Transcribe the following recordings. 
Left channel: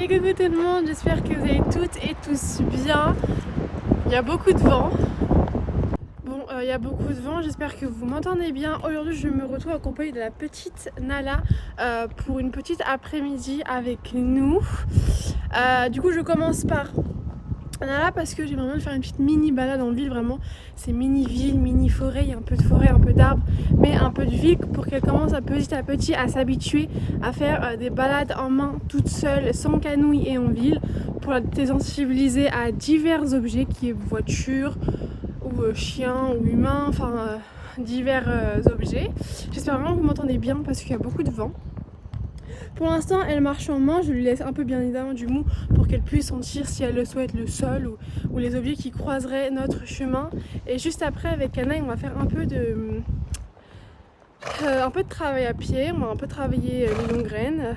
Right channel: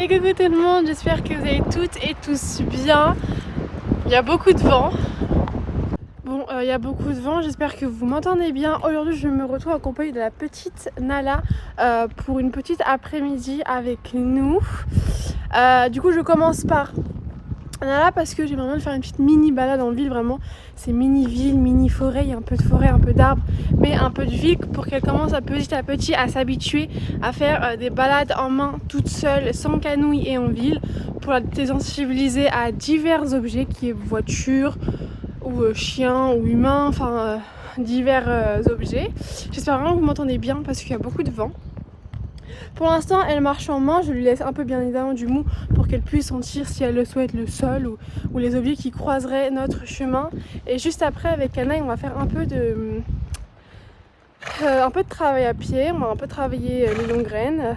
Et coucou tout le monde, j'espère que vous allez toutes et tous bien. Il y a beaucoup de vent. Bon, il y a beaucoup de vent, j'espère que vous m'entendez bien. Aujourd'hui, je me retrouve accompagnée de la petite Nala pour une petite après-midi avec nous. Du coup, je commence par Nala parce que j'ai vraiment de faire une petite mini balade en ville, vraiment. C'est mini ville, mini forêt, il y a un peu de forêt, un peu d'arbres, mais un peu de ville pour qu'elle commence à petit à s'habituer à faire des balades en main toute seule, sans canouille et en ville, pour la désensibiliser à divers objets, qui est voiture ou chien ou humain, enfin divers objets. J'espère vraiment que vous m'entendez bien parce qu'il y a beaucoup de vent. Pour l'instant, elle marche en main, je lui laisse un peu bien évidemment du mou pour qu'elle puisse sentir, si elle le souhaite, le sol ou les objets qui croiseraient notre chemin. Et juste après, avec Canaille, on va faire un peu de travail à pied, on va un peu travailler les longues graines.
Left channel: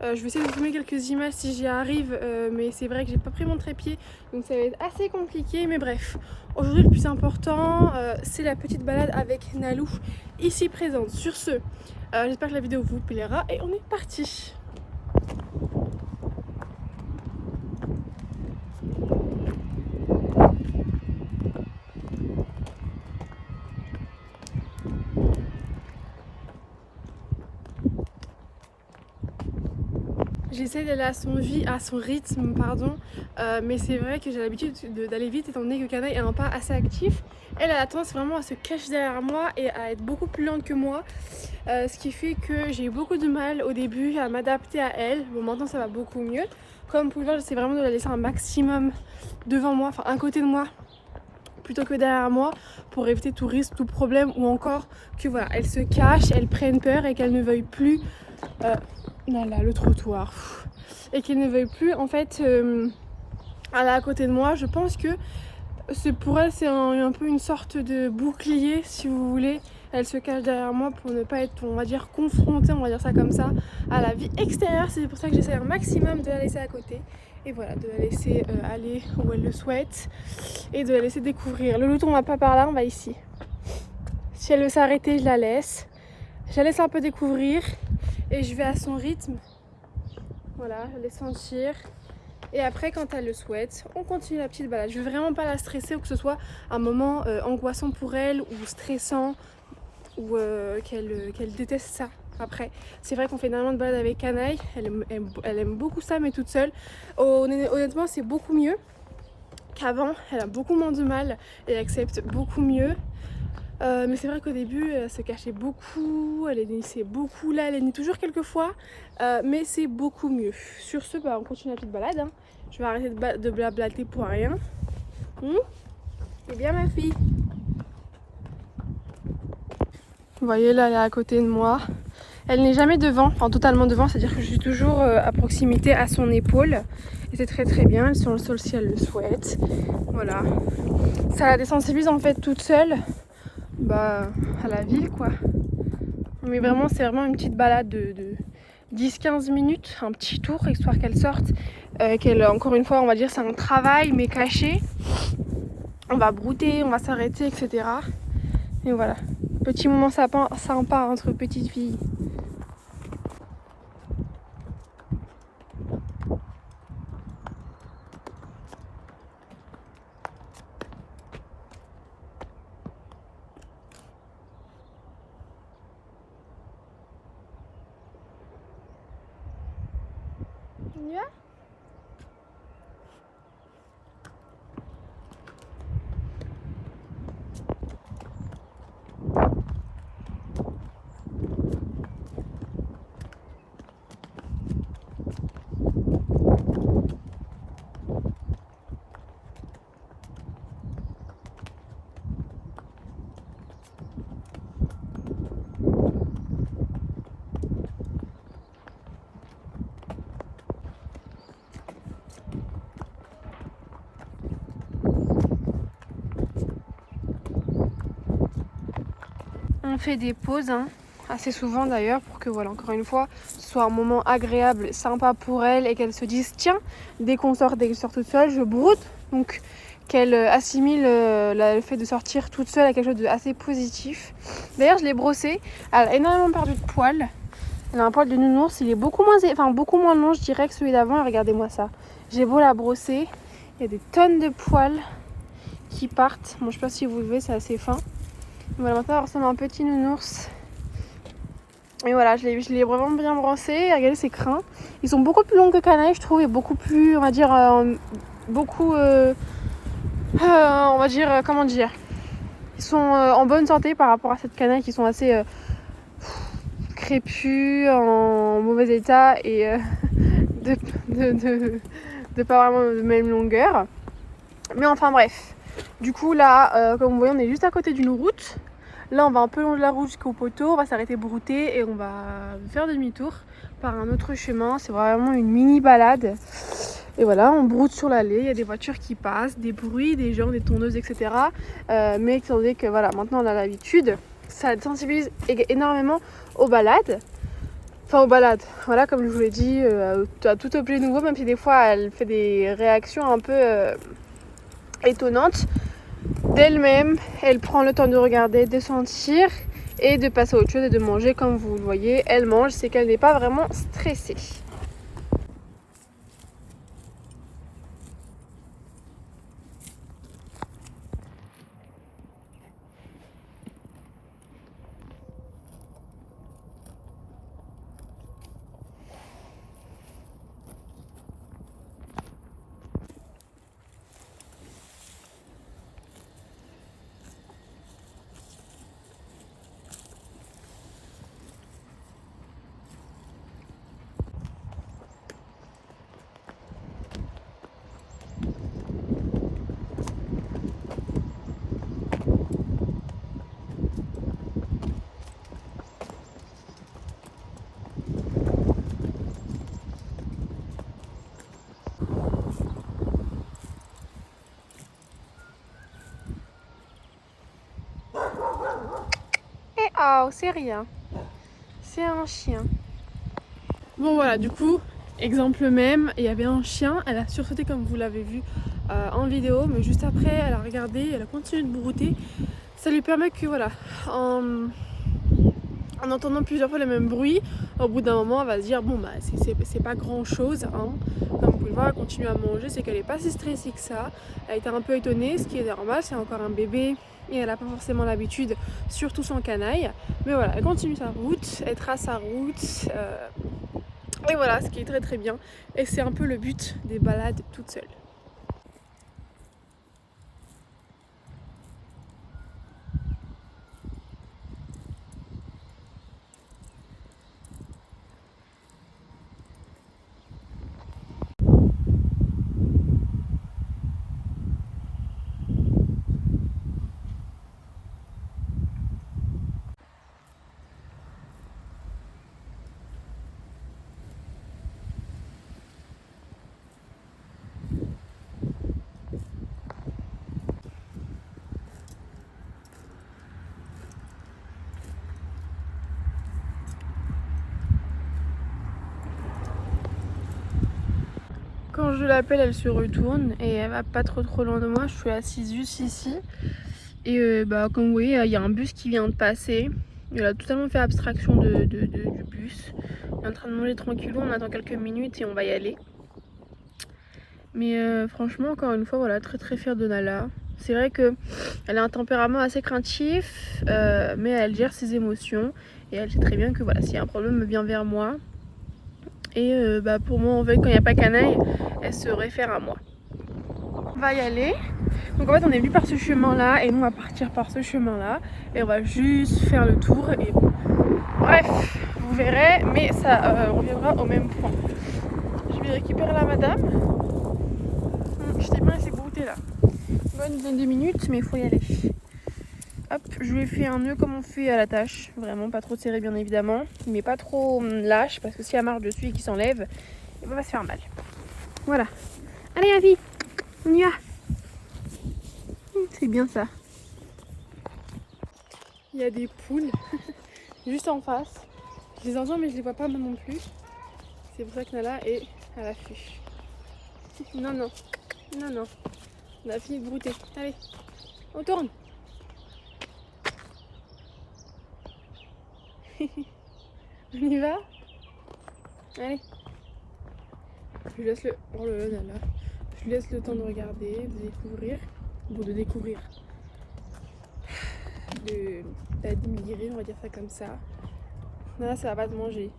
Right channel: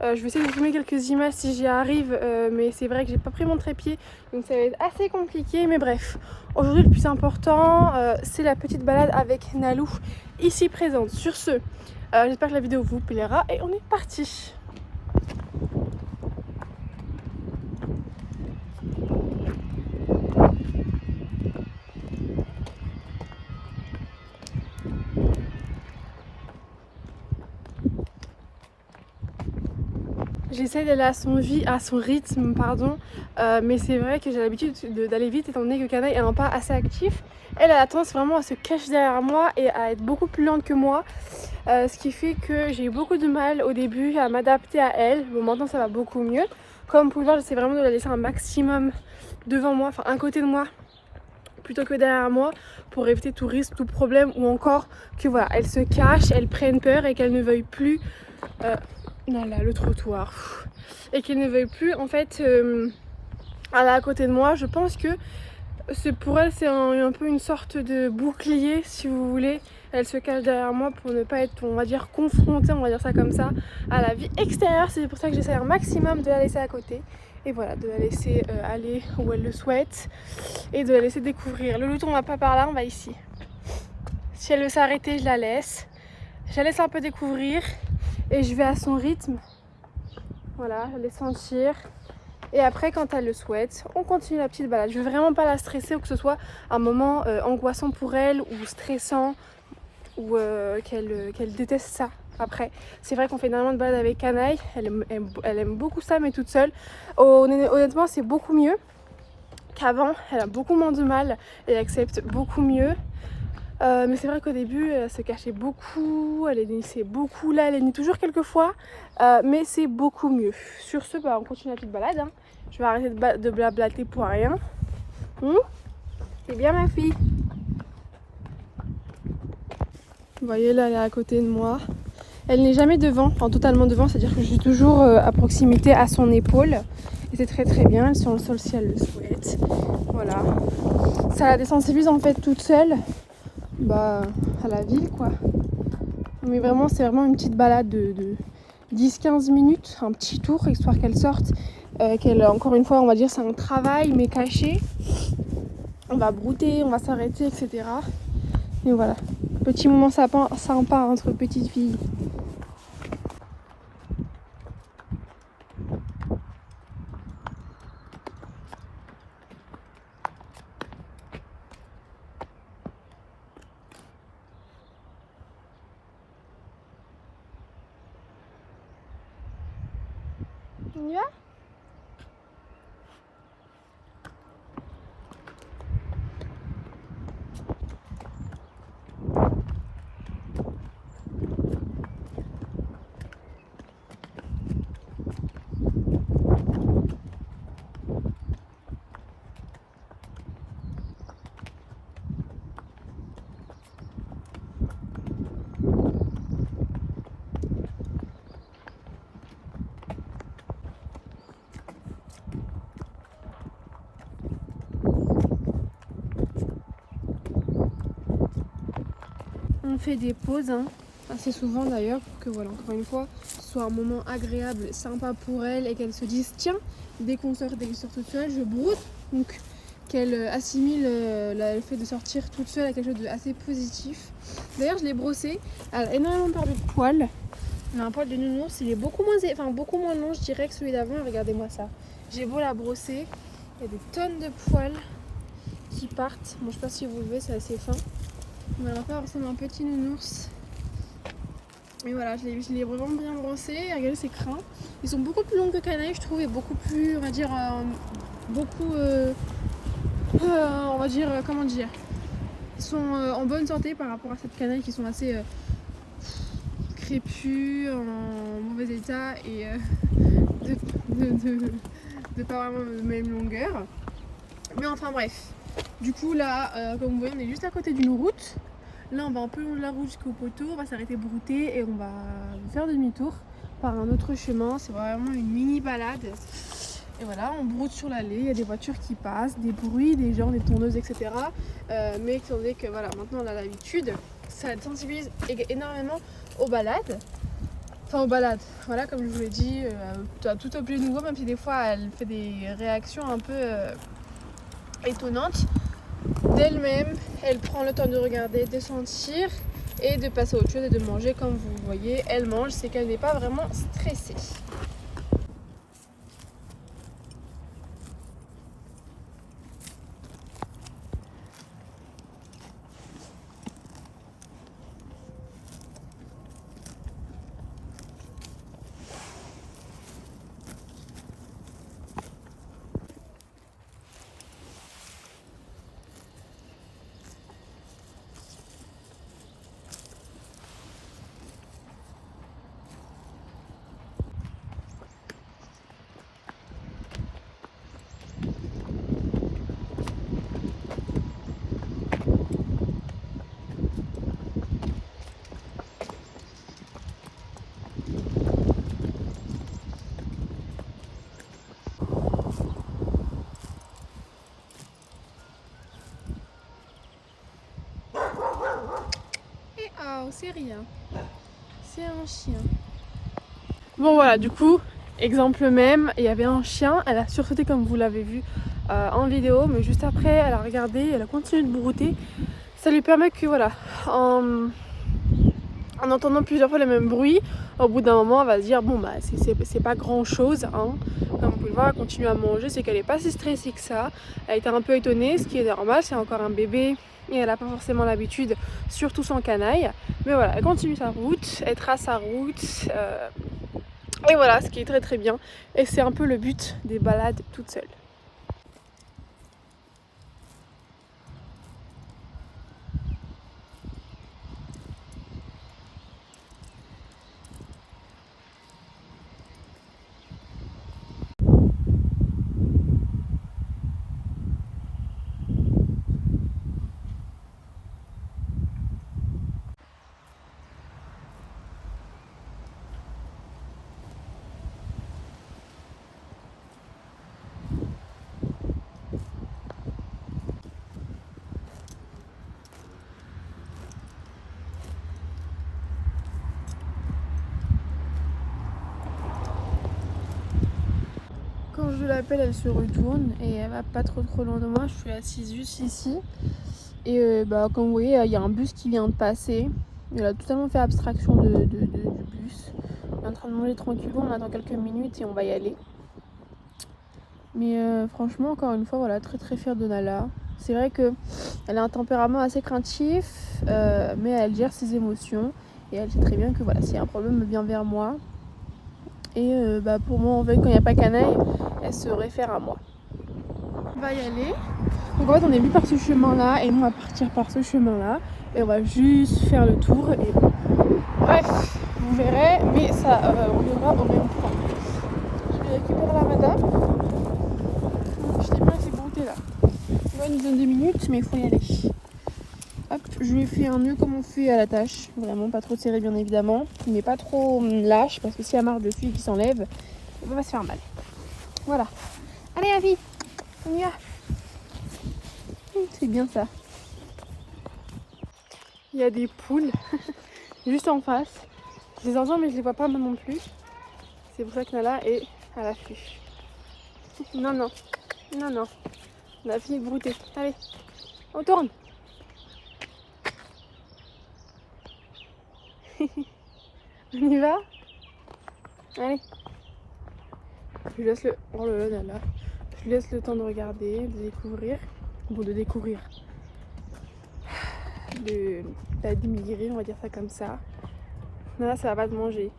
Je vais essayer de vous filmer quelques images si j'y arrive, mais c'est vrai que j'ai pas pris mon trépied, donc ça va être assez compliqué. Mais bref, aujourd'hui le plus important, c'est la petite balade avec Nalou, ici présente. Sur ce, j'espère que la vidéo vous plaira et on est parti. J'essaie d'aller à son rythme, pardon, mais c'est vrai que j'ai l'habitude d'aller vite étant donné que Canaille est un pas assez actif. Elle a tendance vraiment à se cacher derrière moi et à être beaucoup plus lente que moi, ce qui fait que j'ai eu beaucoup de mal au début à m'adapter à elle. Bon, maintenant ça va beaucoup mieux. Comme vous pouvez le voir, j'essaie vraiment de la laisser un maximum devant moi, enfin un côté de moi plutôt que derrière moi, pour éviter tout risque, tout problème, ou encore que voilà, elle se cache, elle prenne peur et qu'elle ne veuille plus non, là, le trottoir, et qu'elle ne veuille plus en fait aller à côté de moi. Je pense que pour elle c'est un peu une sorte de bouclier, si vous voulez. Elle se cache derrière moi pour ne pas être, on va dire, confrontée, on va dire ça comme ça, à la vie extérieure. C'est pour ça que j'essaie un maximum de la laisser à côté. Et voilà, de la laisser aller où elle le souhaite et de la laisser découvrir. Le mouton, on va pas par là, on va ici. Si elle veut s'arrêter, je la laisse. Je la laisse un peu découvrir et je vais à son rythme. Voilà, je laisse sentir. Et après, quand elle le souhaite, on continue la petite balade. Je veux vraiment pas la stresser ou que ce soit un moment angoissant pour elle ou stressant ou qu'elle déteste ça. Après, c'est vrai qu'on fait énormément de balades avec Canaille, elle aime beaucoup ça, mais toute seule. Honnêtement, c'est beaucoup mieux qu'avant, elle a beaucoup moins de mal, elle accepte beaucoup mieux. Mais c'est vrai qu'au début, elle se cachait beaucoup, elle hennissait beaucoup. Là, elle hennit toujours quelques fois, mais c'est beaucoup mieux. Sur ce, on continue la petite balade. Hein. Je vais arrêter de blablater pour rien. C'est bien ma fille. Vous voyez, là, elle est à côté de moi. Elle n'est jamais devant, enfin totalement devant, c'est-à-dire que je suis toujours à proximité à son épaule. Et c'est très très bien, elle est sur le sol si elle le souhaite. Voilà. Ça la désensibilise en fait toute seule à la ville, quoi. Mais vraiment, c'est vraiment une petite balade de 10-15 minutes, un petit tour, histoire qu'elle sorte. Encore une fois, on va dire c'est un travail, mais caché. On va brouter, on va s'arrêter, etc. Et voilà. Petit moment sympa entre petites filles. On y va ? On fait des pauses, assez souvent d'ailleurs, pour que voilà, encore une fois, ce soit un moment agréable, sympa pour elle et qu'elle se dise tiens, dès qu'on sort toute seule, je broute. Donc qu'elle assimile le fait de sortir toute seule à quelque chose d'assez positif. D'ailleurs, je l'ai brossée, elle a énormément perdu de poils. Elle a un poil de nounours, il est beaucoup moins long je dirais que celui d'avant. Regardez-moi ça. J'ai beau la brosser, il y a des tonnes de poils qui partent. Bon, je sais pas si vous le voyez, c'est assez fin. Voilà, maintenant elle ressemble à un petit nounours. Et voilà, je l'ai vraiment bien brossé. Regardez ses crins. Ils sont beaucoup plus longs que Canaille, je trouve, et beaucoup plus, on va dire, comment dire, ils sont en bonne santé par rapport à cette Canaille qui sont assez crépus, en mauvais état et de, de pas vraiment de même longueur. Mais enfin bref. Du coup là, comme vous voyez, on est juste à côté d'une route. Là on va un peu long de la route jusqu'au poteau, on va s'arrêter brouter et on va faire demi-tour par un autre chemin. C'est vraiment une mini balade. Et voilà, on broute sur l'allée, il y a des voitures qui passent, des bruits, des gens, des tondeuses, etc. Mais étant donné que voilà, maintenant on a l'habitude, ça sensibilise énormément aux balades. Enfin aux balades, voilà, comme je vous l'ai dit, à tout objet nouveau, même si des fois elle fait des réactions un peu étonnantes. D'elle-même, elle prend le temps de regarder, de sentir et de passer à autre chose et de manger comme vous le voyez. Elle mange, c'est qu'elle n'est pas vraiment stressée. Oh, c'est rien. C'est un chien. Bon voilà, du coup, exemple même, il y avait un chien, elle a sursauté comme vous l'avez vu en vidéo, mais juste après, elle a regardé, elle a continué de brouter. Ça lui permet que voilà, en entendant plusieurs fois le même bruit, au bout d'un moment, elle va se dire bon bah c'est pas grand chose, hein. Comme vous pouvez le voir, elle continue à manger, c'est qu'elle est pas si stressée que ça. Elle a été un peu étonnée, ce qui est normal, c'est encore un bébé et elle n'a pas forcément l'habitude, surtout sans Canaille. Mais voilà, elle continue sa route, elle trace sa route. Et voilà, ce qui est très très bien. Et c'est un peu le but des balades toutes seules. Quand je l'appelle, elle se retourne et elle va pas trop loin de moi. Je suis assise juste ici. Et comme vous voyez, il y a un bus qui vient de passer. Elle a totalement fait abstraction du bus. On est en train de manger tranquillou, on attend quelques minutes et on va y aller. Mais franchement, encore une fois, voilà, très très fière de Nala. C'est vrai qu'elle a un tempérament assez craintif, mais elle gère ses émotions. Et elle sait très bien que voilà, s'il y a un problème, elle vient vers moi. Et pour moi, en fait, quand il n'y a pas Canaille, elle se réfère à moi. On va y aller. Donc en fait, on est venu par ce chemin-là et nous, on va partir par ce chemin-là. Et on va juste faire le tour. Et bref, vous verrez, mais ça reviendra au même point. Je vais récupérer la madame. Je t'ai bien laissé brouter là. Ouais, nous donne 2 minutes, mais il faut y aller. Hop, je lui ai fait un nœud comme on fait à la tâche. Vraiment pas trop serré, bien évidemment. Mais pas trop lâche, parce que si elle marche dessus et qu'il s'enlève, il va se faire mal. Voilà. Allez, Avi, on y va. C'est bien ça. Il y a des poules juste en face. Je les entends mais je les vois pas moi non plus. C'est pour ça que Nala est à l'affût. Non, non, non, non. On a fini de brouter. Allez, on tourne. On y va? Allez. Je lui laisse le... Oh là là là là. Je lui laisse le temps de regarder, de découvrir. Bon, de découvrir. D'admirer, on va dire ça comme ça. Non, là, ça va pas te manger.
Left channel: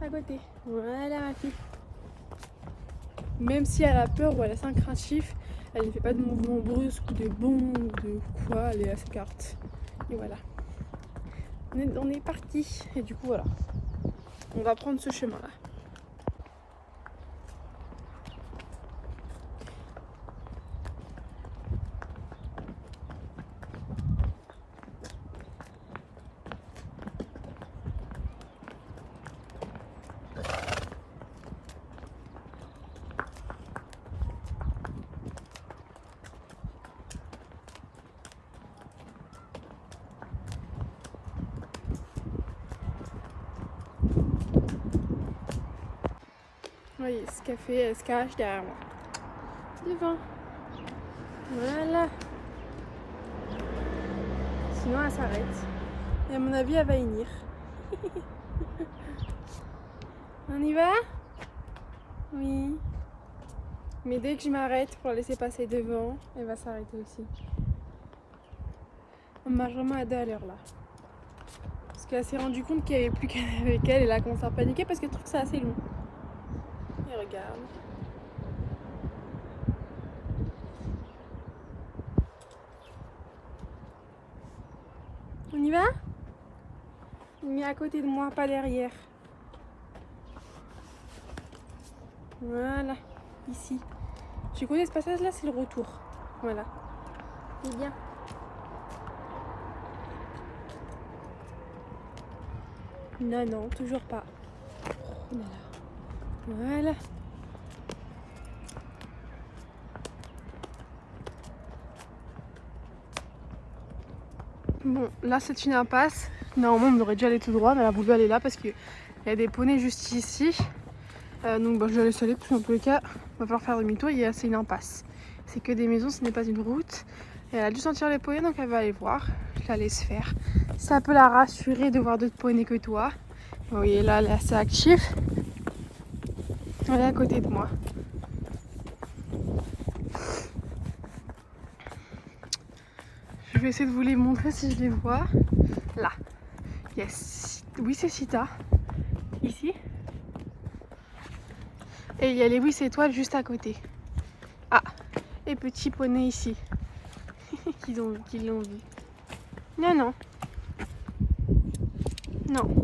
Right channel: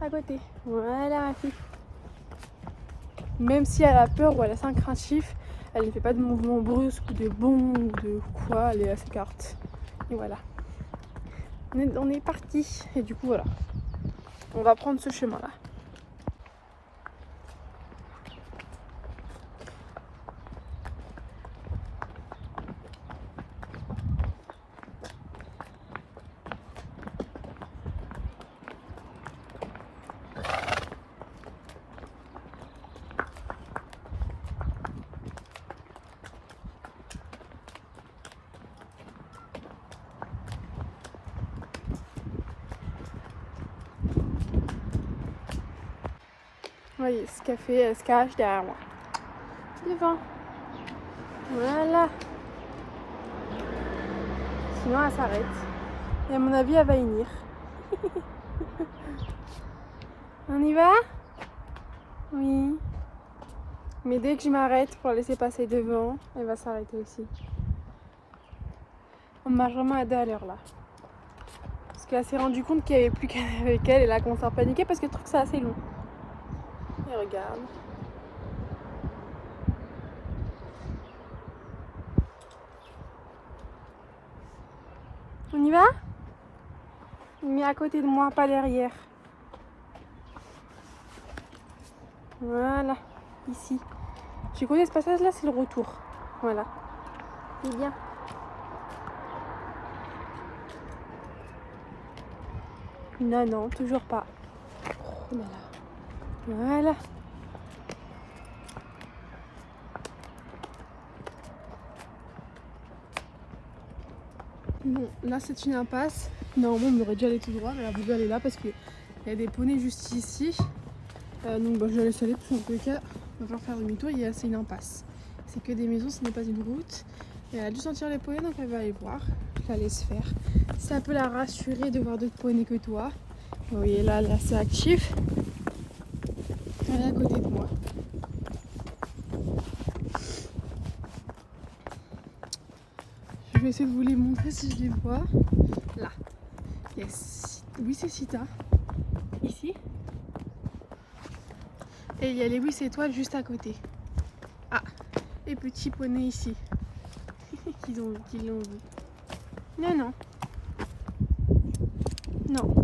À côté. Voilà ma fille. Même si elle a peur ou elle est assez craintif, elle ne fait pas de mouvements brusques ou de bonds ou de quoi, elle est assez carte. Et voilà. On est parti. Et du coup, voilà. On va prendre ce chemin-là. Voyez ce qu'elle fait, elle se cache derrière moi. Devant. Voilà. Sinon elle s'arrête. Et à mon avis elle va venir. On y va? Oui. Mais dès que je m'arrête pour la laisser passer devant, elle va s'arrêter aussi. On marche vraiment à deux à l'heure là. Parce qu'elle s'est rendue compte qu'il n'y avait plus qu'elle avec elle et là elle commence à paniquer parce qu'elle trouve que c'est assez long. Et regarde. On y va? Mais à côté de moi, pas derrière. Voilà, ici. Tu connais ce passage là, c'est le retour. Voilà. C'est bien. Non, non, toujours pas. Oh là là. Voilà. Bon, là c'est une impasse. Normalement on aurait dû aller tout droit, mais elle a voulu aller là parce qu'il y a des poneys juste ici. Donc bah, je vais laisser aller parce qu'en tous les cas, on va falloir faire demi-tour. C'est une impasse. C'est que des maisons, ce n'est pas une route. Et elle a dû sentir les poneys, donc elle va aller voir. Je la laisse faire. Ça peut la rassurer de voir d'autres poneys que toi. Vous voyez là, elle est assez active. Elle est à côté de moi. Je vais essayer de vous les montrer si je les vois. Là. Yes. Oui, c'est Sita. Ici. Et il y a les 8 étoiles juste à côté. Ah. Et petit poney ici. Qui l'ont vu. Non, non. Non.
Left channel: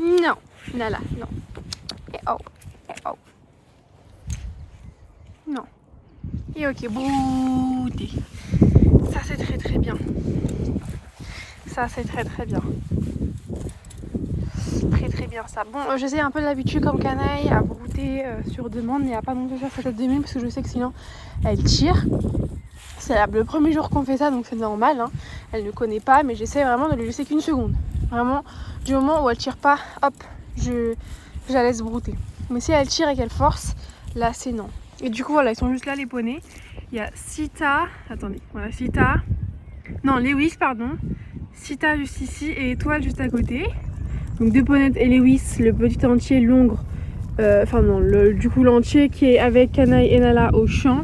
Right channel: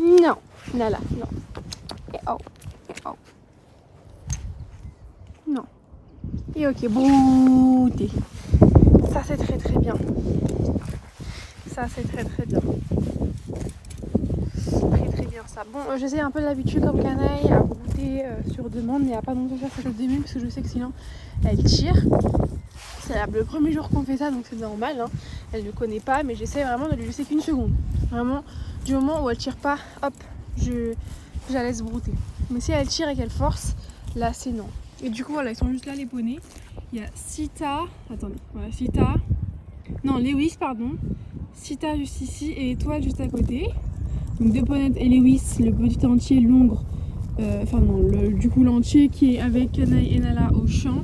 Non. Nala, non. Et oh. Et oh. Non. Et ok, brouté. Ça c'est très très bien. Ça c'est très très bien. Très très bien ça. Bon, j'essaie un peu de l'habitude comme canaille à brouter sur demande, mais à pas non plus faire ça le demi parce que je sais que sinon elle tire. C'est le premier jour qu'on fait ça, donc c'est normal. Hein. Elle ne connaît pas, mais j'essaie vraiment de lui laisser qu'une seconde. Vraiment, du moment où elle tire pas, hop, je la laisse brouter. Mais si elle tire et qu'elle force, là c'est non. Et du coup voilà, ils sont juste là les poneys. Il y a Sita, attendez, voilà Sita, non Lewis pardon, Sita juste ici et Étoile juste à côté. Donc deux poneys et Lewis, le petit entier l'ongre, enfin non, du coup l'entier qui est avec Canaille et Nala au champ.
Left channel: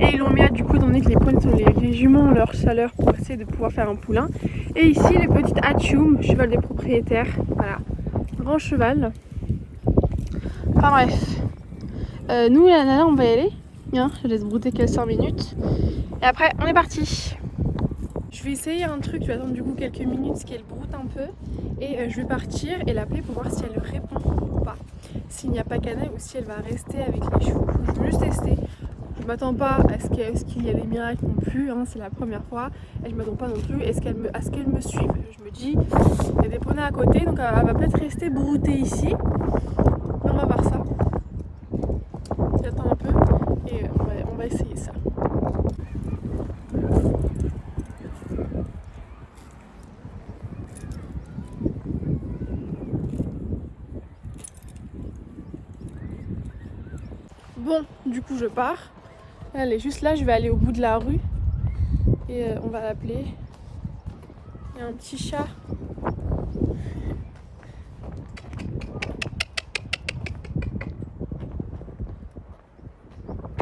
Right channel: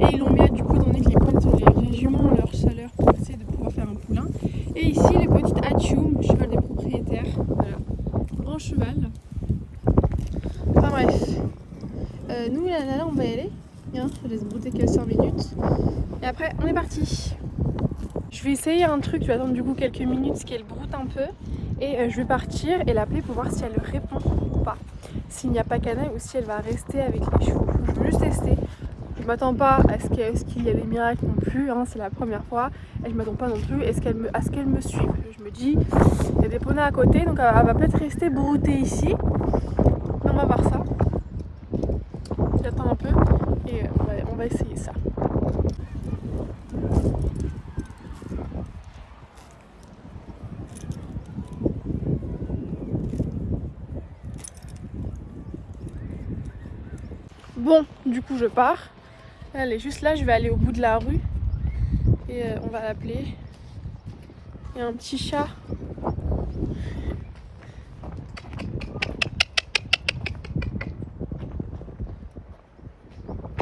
Et ils l'ont mis là du coup étant donné que les poneys sont les juments ont leur chaleur pour essayer de pouvoir faire un poulain. Et ici le petit Hachoum, cheval des propriétaires, voilà, grand cheval. Enfin bref, nous la Nala on va y aller. Bien, je laisse brouter quelques 5 minutes. Et après, on est parti. Je vais essayer un truc, je vais attendre du coup quelques minutes qu'elle broute un peu. Et je vais partir et l'appeler pour voir si elle répond ou pas. S'il n'y a pas Canaille ou si elle va rester avec les chevaux. Je veux juste tester. Je m'attends pas à ce qu'il y ait des miracles non plus. Hein, c'est la première fois. Et je m'attends pas non plus à ce qu'elle me suive. Je me dis, il y a des poneys à côté, donc elle va peut-être rester broutée ici. On va voir ça. J'attends un peu. Et on va essayer ça. Bon, du coup je pars. Elle est juste là, je vais aller au bout de la rue. Et on va l'appeler. Il y a un petit chat.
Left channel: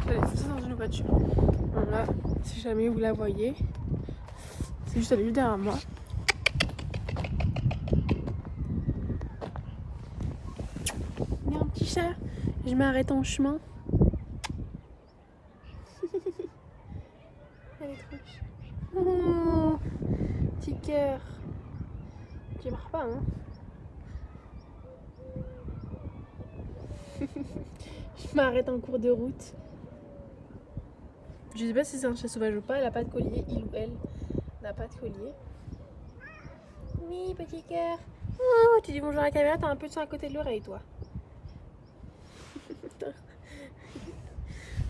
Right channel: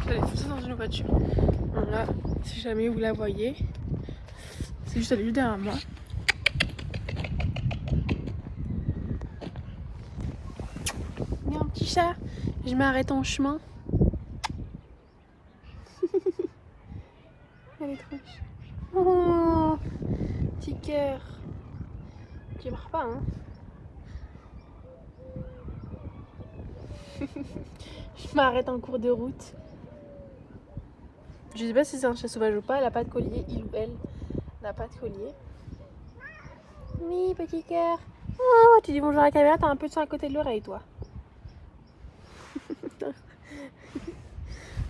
Elle est tout ça dans une voiture. Bon là, si jamais vous la voyez, c'est juste elle est juste derrière moi. Il y a un petit chat. Je m'arrête en chemin. Elle est trop chou. Oh, petit cœur. Tu barres pas, hein? Je m'arrête en cours de route. Je sais pas si c'est un chat sauvage ou pas, elle a pas de collier, il ou elle n'a pas de collier. Oui, petit cœur. Oh, tu dis bonjour à la caméra, t'as un peu de sang à côté de l'oreille, toi.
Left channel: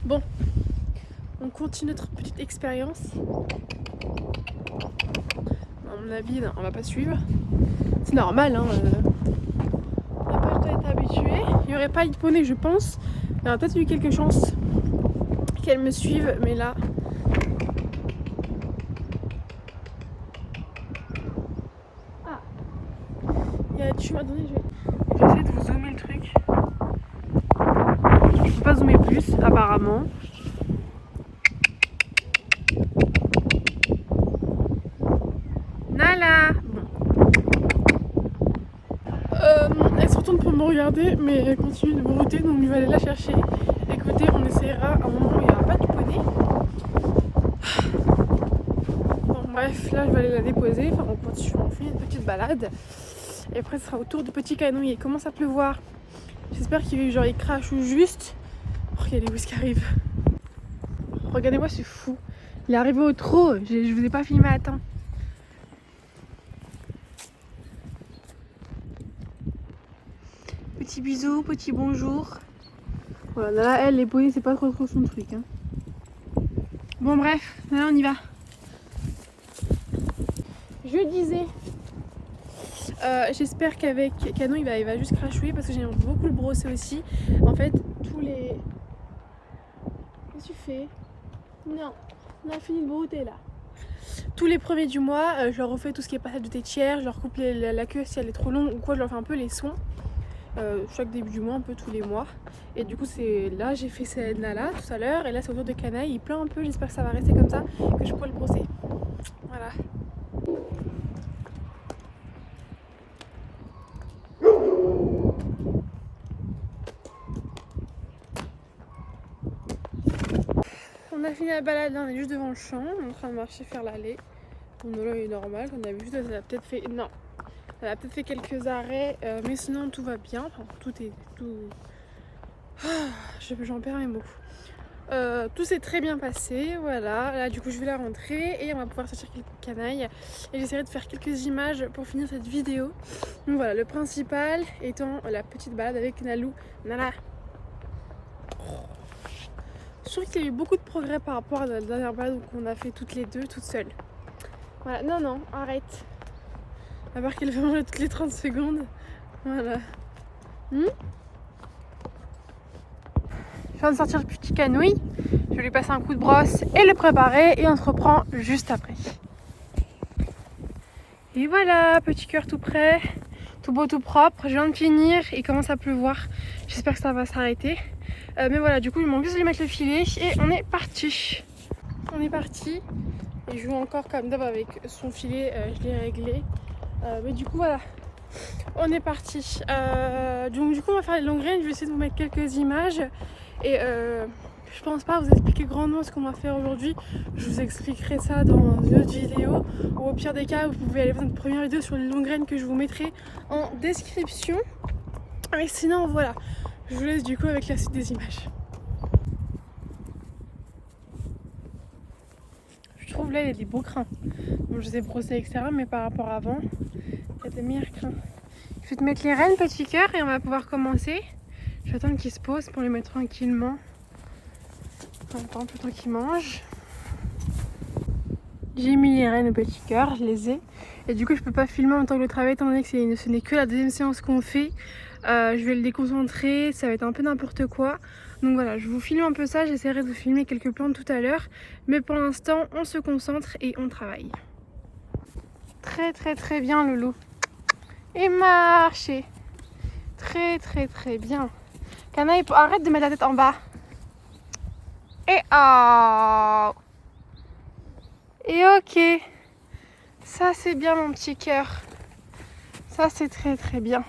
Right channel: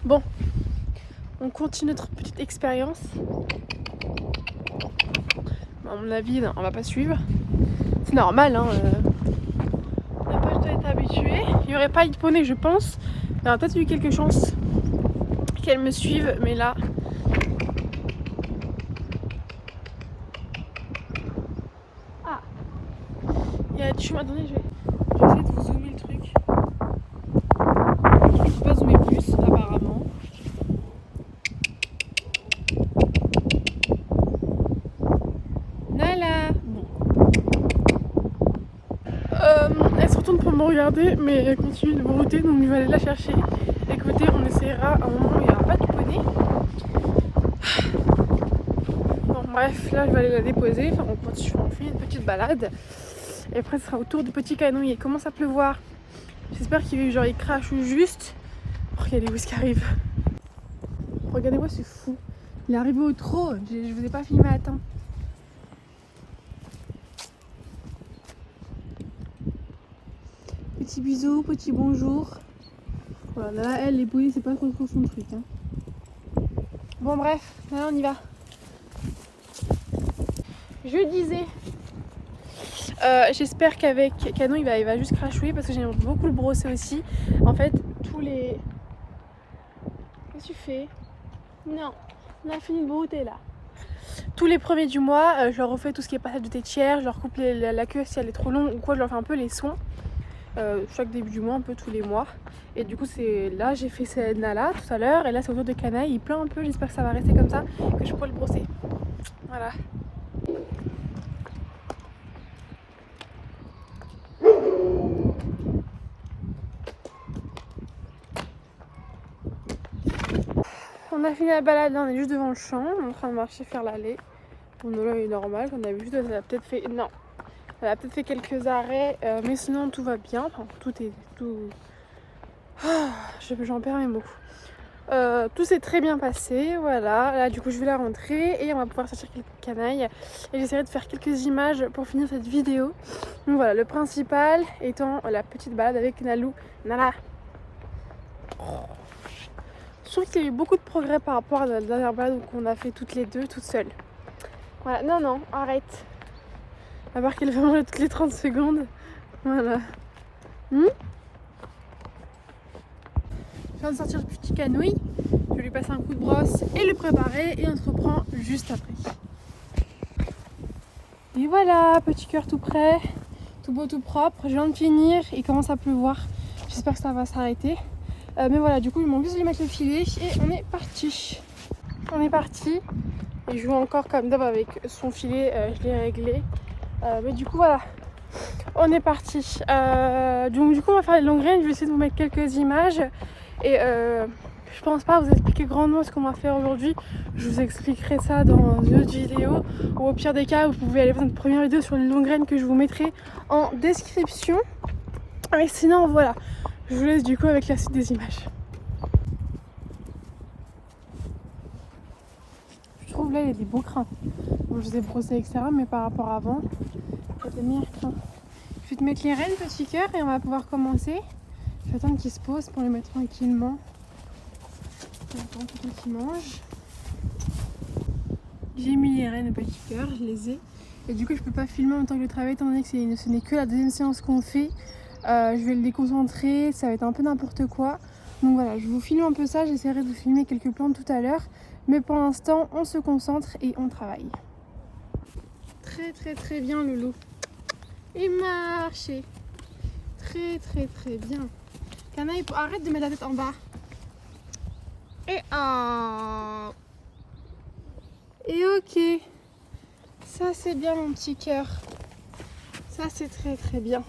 Bon, on continue notre petite expérience. À mon avis, non, on va pas suivre. C'est normal, hein. On n'a pas être habitué. Il n'y aurait pas eu de poney, je pense. Il y aurait peut-être eu quelque chance qu'elle me suive, mais là. Ah, il y a du chemin. Attendez, je vais essayer de vous zoomer le truc. Je peux pas zoomer plus, apparemment. Nala. Bon. Elle se retourne pour me regarder, mais elle continue de brouter, donc je vais aller la chercher. Écoutez, on essaiera à un moment où il n'y aura pas de poney. Bon, bref, là je vais aller la déposer. Enfin, on fait une petite balade. Et après, ce sera au tour du petit canon. Il commence à pleuvoir. J'espère qu'il crache ou juste. Regardez où est-ce qu'il arrive. Regardez-moi, c'est fou. Il est arrivé au trot. Je vous ai pas filmé à temps. Petit bisou, petit bonjour. Voilà, là, elle, les poneys, c'est pas trop son truc. Hein. Bon, bref, là, on y va. Je disais, j'espère qu'avec Canon, il va juste crachouiller parce que j'aime beaucoup le brosser aussi. En fait, tous les... Qu'est-ce que tu fais? Non, on a fini de brouter là. Tous les premiers du mois, je leur refais tout ce qui est passage de tétière, je leur coupe la queue si elle est trop longue ou quoi, je leur fais un peu les soins. Chaque début du mois, un peu tous les mois. Et du coup, c'est là, j'ai fait cette Nala tout à l'heure. Et là, c'est autour de Canaille. Il pleut un peu, j'espère que ça va rester comme ça, que je pourrai le brosser. Voilà. On a fini la balade, là, on est juste devant le champ, on est en train de marcher faire l'allée. Bon, là, il est normal, comme d'habitude, elle a peut-être fait... Non, elle a peut-être fait quelques arrêts, mais sinon tout va bien. Enfin, tout... Ah, j'en perds mes mots. Tout s'est très bien passé, voilà. Là, du coup, je vais la rentrer et on va pouvoir sortir quelques canailles. Et j'essaierai de faire quelques images pour finir cette vidéo. Donc voilà, le principal étant la petite balade avec Nalou. Nala. Je trouve qu'il y a eu beaucoup de progrès par rapport à la dernière balade qu'on a fait toutes les deux, toutes seules. Voilà, non, arrête. À part qu'elle fait manger toutes les 30 secondes. Voilà. Je viens de sortir le petit canouille. Je vais lui passer un coup de brosse et le préparer. Et on se reprend juste après. Et voilà, petit cœur tout prêt. Tout beau, tout propre. Je viens de finir. Il commence à pleuvoir. J'espère que ça va s'arrêter. Mais voilà, du coup, il manque juste de lui mettre le filet. Et on est parti. On est parti. Il joue encore comme d'hab avec son filet. Je l'ai réglé. Mais du coup, voilà. On est parti. Donc du coup, on va faire les longues graines. Je vais essayer de vous mettre quelques images. Et je pense pas vous expliquer grandement ce qu'on va faire aujourd'hui. Je vous expliquerai ça dans une autre vidéo. Ou au pire des cas, vous pouvez aller voir notre première vidéo sur les longues graines que je vous mettrai en description. Mais sinon, voilà. Je vous laisse du coup avec la suite des images. Je trouve là, il y a des beaux crins. Bon, je les ai brossés, etc. Mais par rapport à avant, il y a des meilleurs crins. Je vais te mettre les rênes, petit cœur, et on va pouvoir commencer. Je vais attendre qu'ils se posent pour les mettre tranquillement. Attends, tout temps qu'ils mangent. J'ai mis les rênes au petit cœur, je les ai. Et du coup, je peux pas filmer en même temps que le travail, étant donné que ce n'est que la deuxième séance qu'on fait. Je vais le déconcentrer, ça va être un peu n'importe quoi. Donc voilà, je vous filme un peu ça, j'essaierai de vous filmer quelques plantes tout à l'heure. Mais pour l'instant, on se concentre et on travaille. Très bien, Loulou. Et marcher. Très bien. Canaille, arrête de mettre la tête en bas. Et oh. Et ok. Ça c'est bien mon petit cœur. Ça c'est très très bien.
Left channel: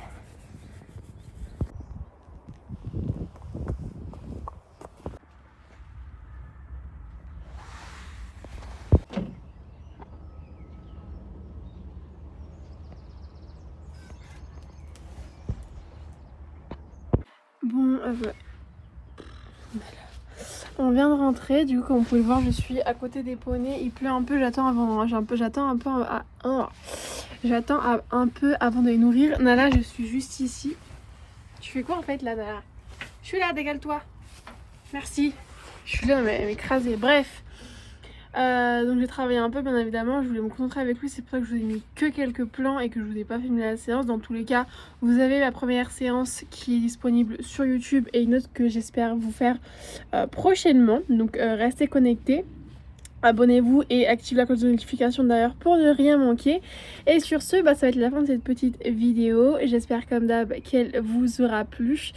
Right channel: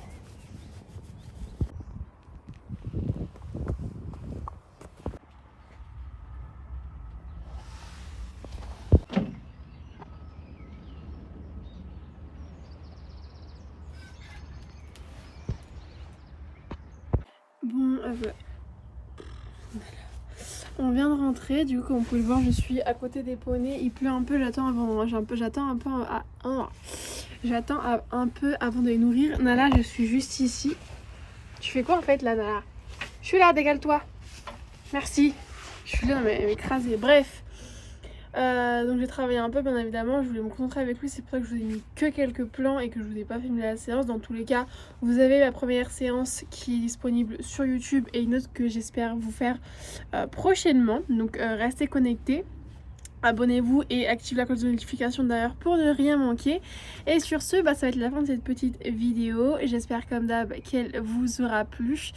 Bon, on vient de rentrer, du coup comme vous pouvez le voir je suis à côté des poneys, il pleut un peu, j'attends un peu avant de les nourrir. Nala, je suis juste ici. Tu fais quoi en fait là, Nala? Je suis là, dégale-toi. Merci. Je suis là mais écrasée. Bref. Donc j'ai travaillé un peu bien évidemment, je voulais me concentrer avec lui, c'est pour ça que je vous ai mis que quelques plans et que je vous ai pas filmé la séance. Dans tous les cas, vous avez la première séance qui est disponible sur YouTube et une autre que j'espère vous faire prochainement. Donc restez connectés. Abonnez-vous et activez la cloche de notification d'ailleurs pour ne rien manquer. Et sur ce, ça va être la fin de cette petite vidéo. J'espère comme d'hab qu'elle vous aura plu.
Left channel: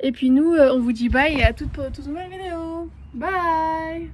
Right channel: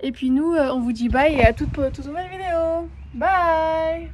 Et puis nous, on vous dit bye et à toute nouvelle vidéo. Bye!